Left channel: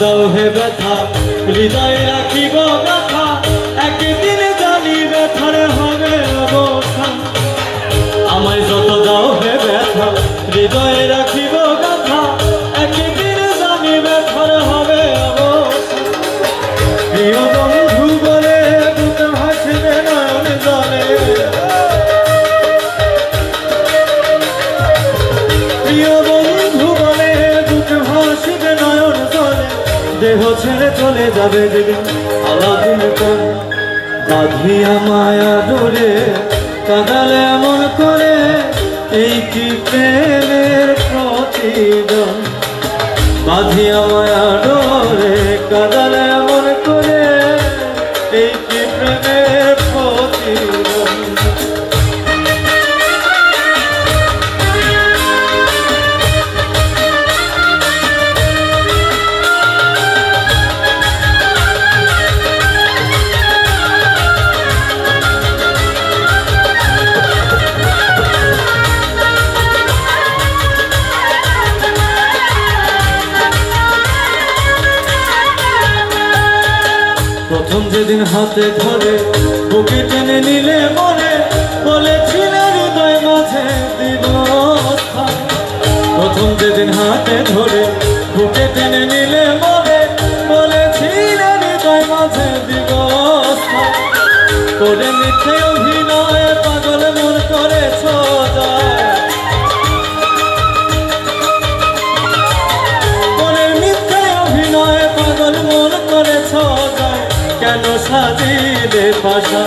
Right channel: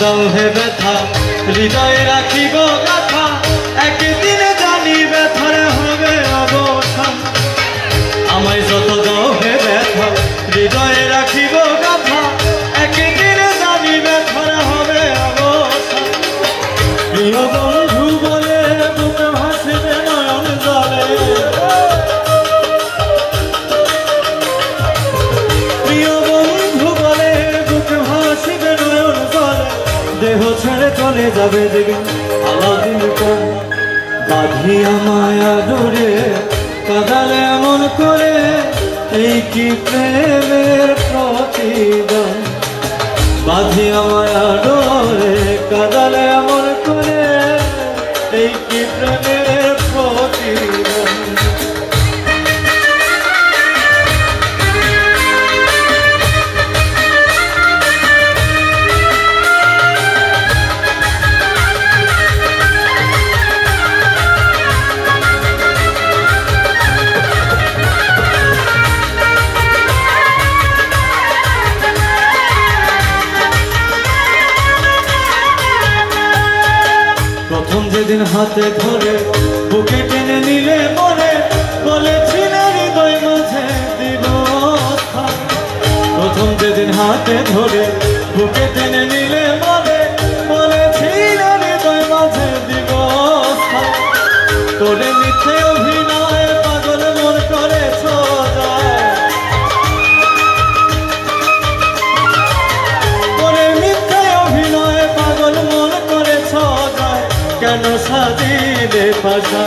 দাও হে ব্যথা হৃদয়ে রাখি গো গাথা একদিন জানি ব্যথার হবে অবসান আমায় যত দাও হে ব্যথা হৃদয়ে রাখি গো গাথা একদিন জানি ব্যথার হবে অবসান প্রিয় বন্ধু বলে বুক ভাসবে নয়ন জলে প্রিয় বন্ধু বলে বুক ভাসবে নয়ন জলে দেহ ছেড়ে চলে যাবে দেবে আলাদা বাঁধিয়া মায়া ডোরে কাঁদালে এমন করে এই কি প্রেমের প্রতিদান বাঁধিয়া মায়া ডোরে কাঁদালে এমন করে এই কি প্রেমের প্রতিদান প্রথম যেদিন হাতে ধরে বুকে টেনে নিলে মনে বলেছিলে হৃদয় মাঝে দিব স্থান প্রথম যেদিন হাতে ধরে বুকে টেনে নিলে মনে বলেছিলে হৃদয় মাঝে দিব স্থান করে মিথ্যে অভিনয়ে পাগল মন করেছ করে মিথ্যে অভিনয়ে পাগল মন করেছ কেন সাজিলে পাশা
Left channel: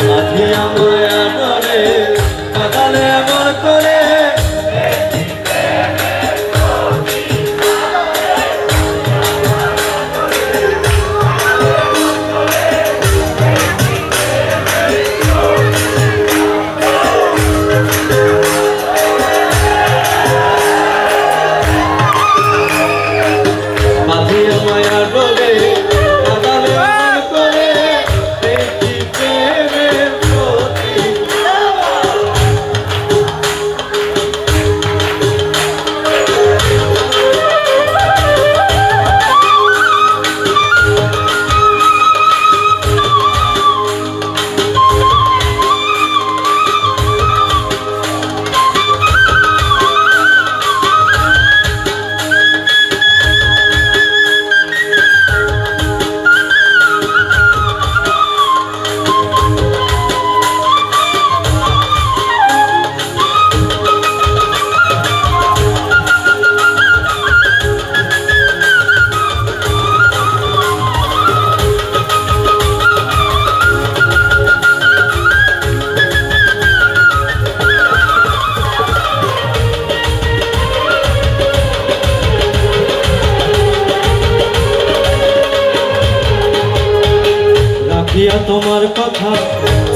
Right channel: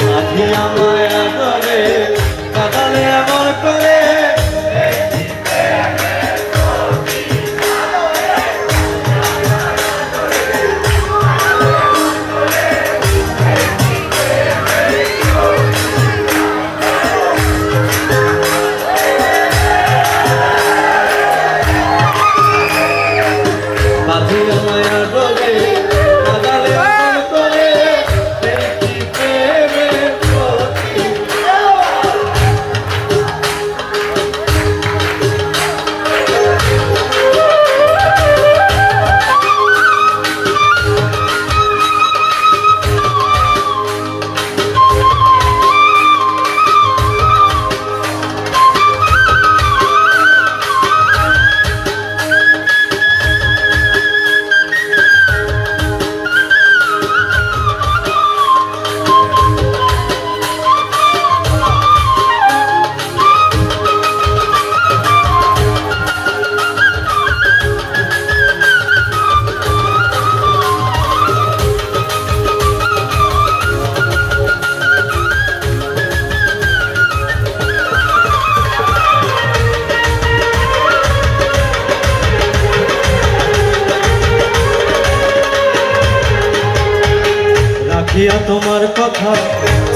বাঁধিয়া মায়া ডোরে কাঁদালে এমন করে তোমার কথা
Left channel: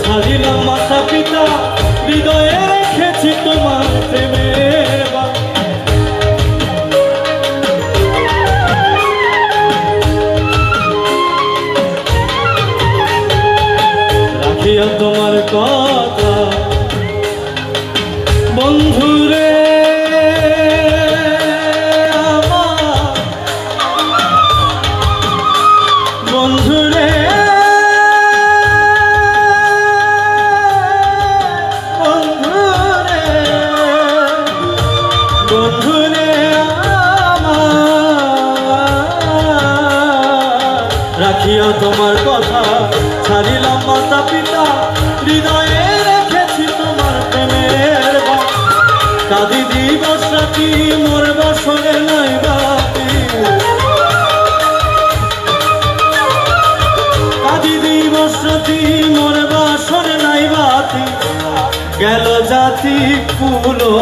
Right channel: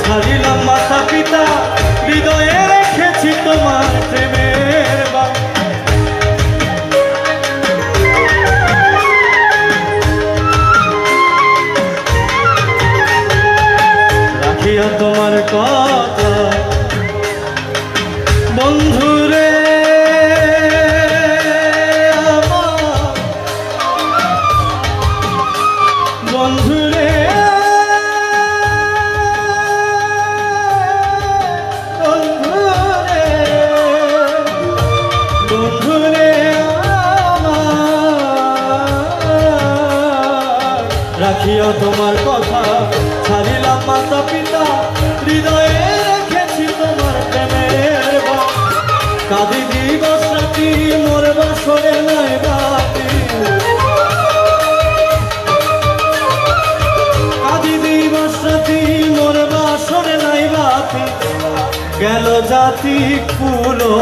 ছাড়িলাম মাতা পিতা হৃদয়ে রেখেছি তোমার প্রেমের রাখিয়া তোমার কথা বন্ধুরে বন্ধুরে রাখিয়া তোমার কথা ছাড়িলাম মাতা পিতা হৃদয়ে রেখেছি তোমার প্রেমের কাঁদি দিবস রাতি মোর বছরে নাই বাতি কাঁদি দিবস রাতি মোর বছরে নাই বাতি গেল জাতি কুলো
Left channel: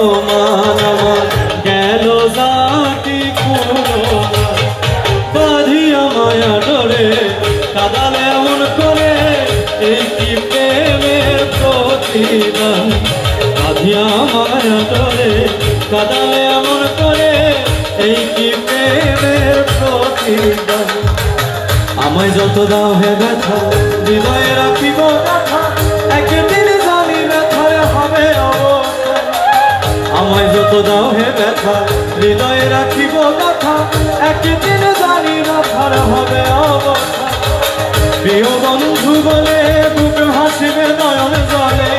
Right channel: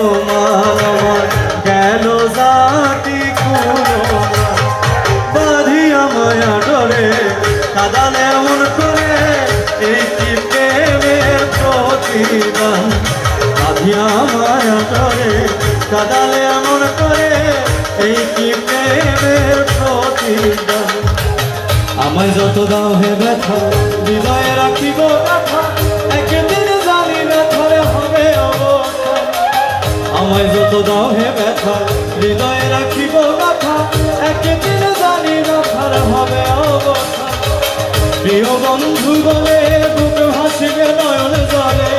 গেল জাতি কুলো বাঁধিয়া মায়া ডোরে কাঁদালে এমন করে এই কি প্রেমের প্রতিদান বাঁধিয়া মায়া ডোরে কাঁদালে এমন করে এই কি প্রেমের প্রতিদান আমায় যত দাও হে ব্যথা হৃদয়ে রাখিব ব্যথা একদিন জানি ব্যথায় হবে অবসান আমায় যত দাও হে ব্যথা হৃদয়ে রাখিব ব্যথা একদিন জানি ব্যথার হবে অবসান। প্রিয় বন্ধু বলে বুকে হাসিবে নয়ন জলে,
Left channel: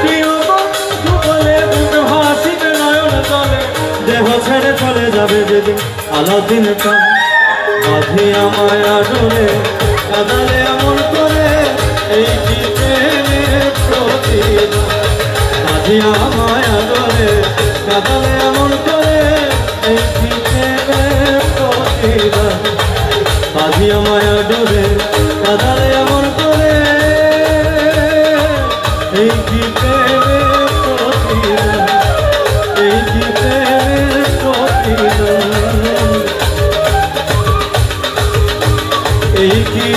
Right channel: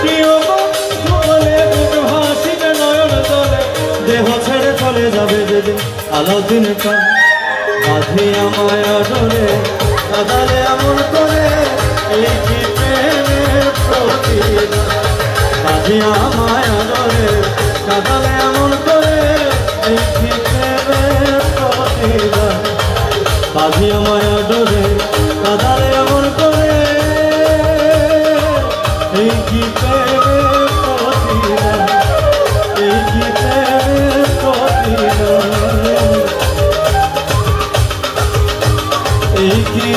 প্রিয় বন্ধু বলে বুকে হাসিবে নয়ন জলে। দেহ ছেড়ে চলে যাবে যেদিন আলাদিন কা, আধি আমায় আদরে কাঁদালে এমন করে, এই কি প্রেমের প্রতিদান। আধি আমায় আদরে কাঁদালে এমন করে, এই কি প্রেমের প্রতিদান। আধি আমায় আদরে কাঁদালে এমন করে, এই কি প্রেমের প্রতিদান, এই কি প্রেমের প্রতিদান, এই কি